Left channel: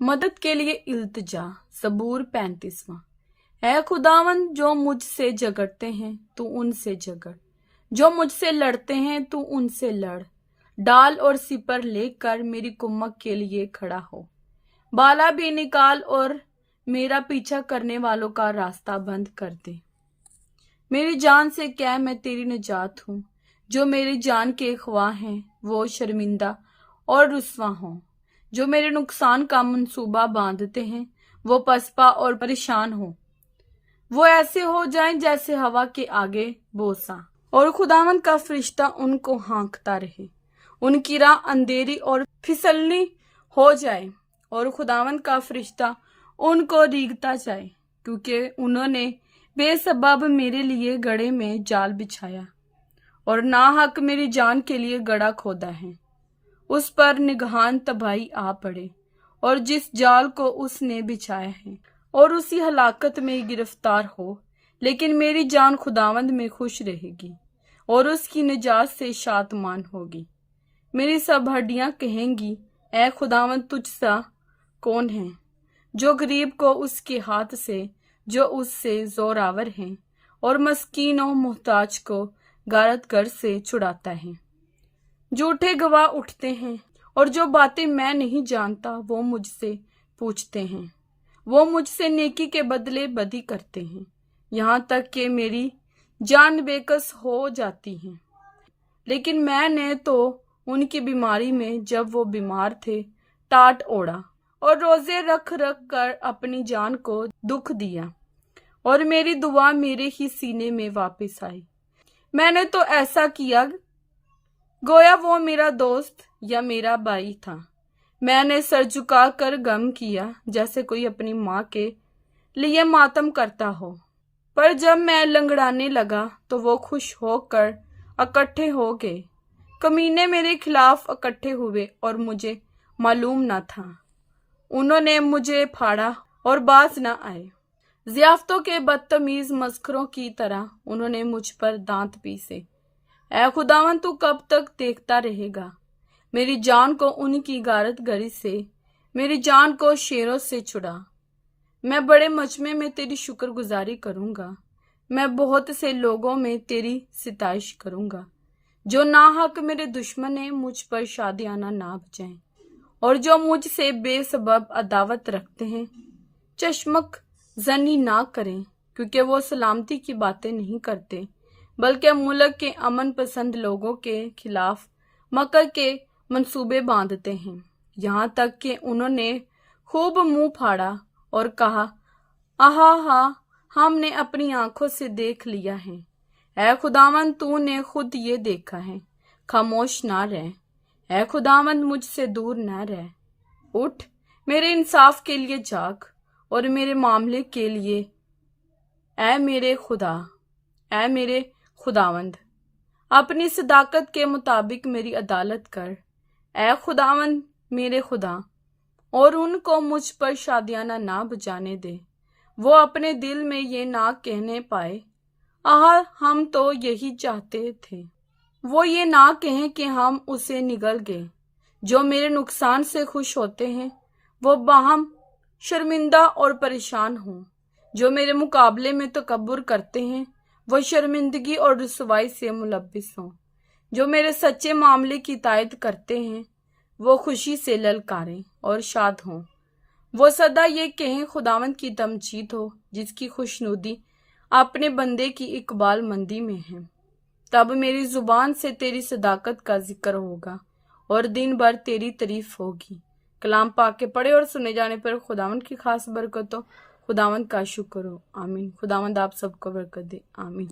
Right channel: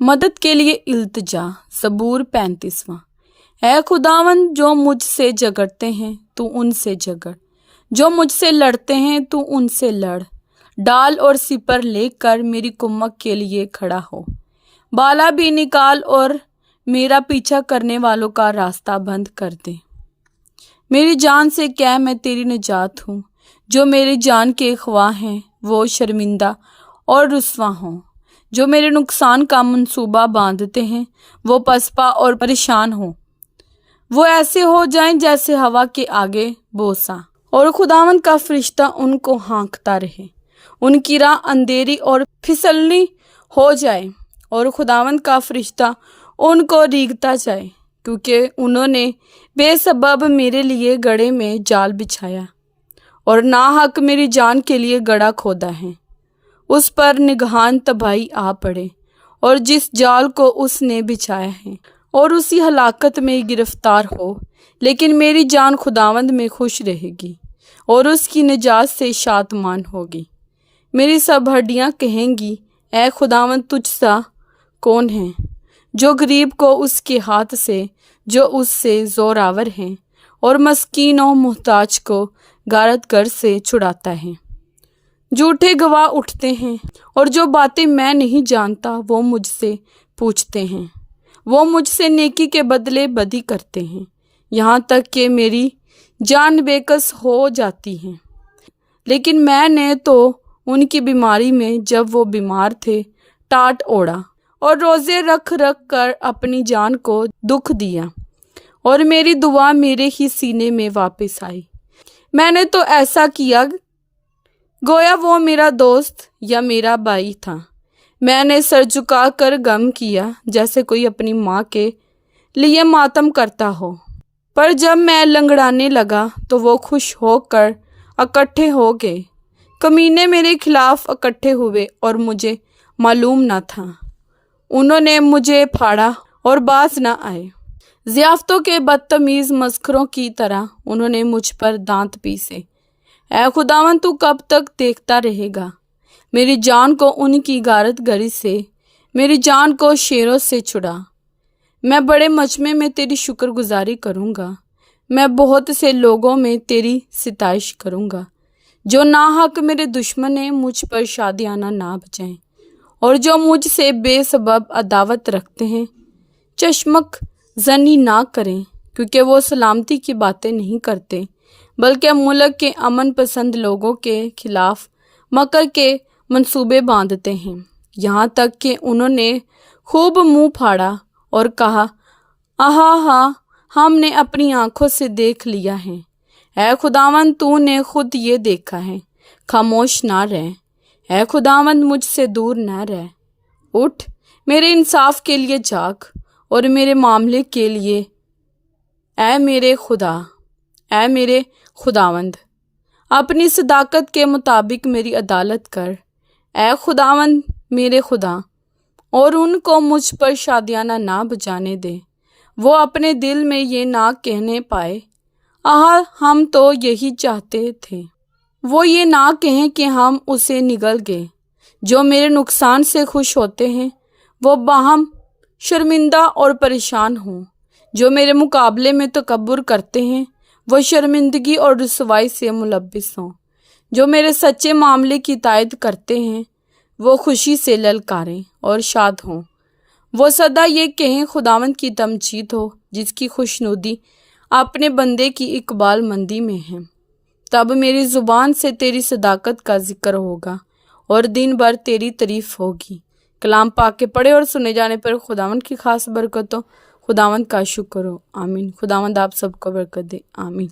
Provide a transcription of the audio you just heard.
मदद के लिए इल्तिजा। ज़बूर 35वां। ऐ खुदावंद, जो मुझसे झगड़ते हैं तू उनसे झगड़, जो मुझसे लड़ते हैं तू उनसे लड़। डाल और सिपर लेकर मेरी कुम्मक के लिए खड़ा हो। बाला भी निकाल और मेरा पीछा करने वालों का रास्ता बंद कर दे। मेरी जान से कह, मैं तेरी निजात हूँ। जो मेरी जान के ख्वाह हैं वो शर्मिंदा और रुस्वा हों। जो मेरे नुकसान का मंसूबा बांधते हैं वो पसपा और परेशान हों। वो ऐसे हो जाएं जैसे हवा के आगे बोसा, और खुदावंद का फरिश्ता उनको हाँकता रहे। उनकी राह अंधेरी और फिसलनी हो जाए, और खुदावंद का फरिश्ता उनको रीगता जाए, क्योंकि उन्होंने बेसबब मेरे लिए गड्ढे में जाल बिछाया और नाहक मेरी जान के लिए गड्ढा खोदा है। उस पर निगहान तबाही आ पड़े, और जिस जाल को उसने बिछाया है और उसी हलाकत में गिरफ्तार हो। लेकिन मेरी जान खुदावंद में खुश रहेगी और उसकी निजात से शादमान होगी। मेरी सब हड्डियां कहेंगी, ऐ खुदावंद, तुझ सा कौन है जो गरीब को उसके हाथ से, जो उससे जोरावर हैं, और मस्कीन और मुहताज को गारतगर से छुड़ाता है। झूठे गवाह उठते हैं, और जो बातें मैं नहीं जानता वो मुझसे पूछते हैं। वो मुझसे नेकी के बदले बदी करते हैं, यहाँ तक कि मेरी जान बेकस हो जाती है। लेकिन मैंने तो उनकी बीमारी में, जब वो बीमार थे, टाट ओढ़ा और रोज़े रख रख कर अपनी जान को दुख दिया, और मेरी दुआ मेरे ही सीने में वापस आई। मैंने तो ऐसा किया गोया वो मेरा दोस्त या मेरा भाई था। मैंने सर झुका कर गम किया, जैसे कोई अपनी माँ के लिए मातम करता हो। पर जब मैं लंगड़ाने लगा तो वो खुश होकर इकट्ठे हो गए। कमीने मेरे खिलाफ इकट्ठे हुए और मुझे मालूम न था। उन्होंने मुझे फाड़ा और बाज न आए। ज़ियाफ़तों के बदतमीज़ मस्खरों की तरह उन्होंने मुझ पर दांत पीसे। ऐ खुदावंद, तू कब तक देखता रहेगा? मेरी जान को उनकी गारतगरी से, मेरी जान को शेरों से छुड़ा। मैं बड़े मजमे में तेरी शुक्रगुजारी करूँगा। मैं बहुत से लोगों में तेरी सिताइश करूँगा। जो नाहक मेरे दुश्मन हैं मुझ पर शादियाना ना बजाएं, और जो मुझसे बेसबब अदावत रखते हैं चश्मक जनी ना करें, क्योंकि वो सलामती की बातें नहीं करते, बल्कि मुल्क के अमन पसंद लोगों के खिलाफ मकर के मंसूबे बांधते हैं। यहाँ तक कि उन्होंने खूब मुंह फाड़ा और कहा, आहा हा, हमने अपनी आंखों से देख लिया है। ऐ खुदावंद, तूने खुद ये देखा है। खामोश ना रह। ऐ खुदावंद, मुझसे दूर न रह। उठ, मेरे इंसाफ के लिए जाग, और मेरे मामले के लिए ऐ मेरे खुदावंद, अपनी सदाकत के मुताबिक मेरी अदालत कर। ऐ खुदावंद मेरे खुदा, और उनको मुझ पर शादियाना ना बजाने दे। वो अपने दिल में ये ना कहने पाए, आहा, हम तो यही चाहते थे। वो ये ना कहें कि हम उसे निगल गए। जो मेरे नुकसान से खुश होते हैं वो बाहम शर्मिंदा और परेशान हों। जो मेरे मुकाबले में तकब्बुर करते हैं वो शर्मिंदगी और रुसवाई से मुलब्बिस हों। जो मेरे सच्चे मामले की तायद करते हैं वो खुशी से ललकारें और शाद हों। वो सदा ये कहें, खुदावंद की तमजीद हो, जिसकी खुशनुदी अपने बंदे की इकबाल मंदी में है। तब मेरी ज़ुबान से तेरी सदाकत का जिक्र होगा और दिन भर तेरी तारीफ होगी। कलाम पाक के पढ़े और सुने जाने पर खुदावंद की खास बरकत हो। खुदावंद का शुक्र हो। आमीन। खुदावंद आप सबको बरकत दे। आमीन।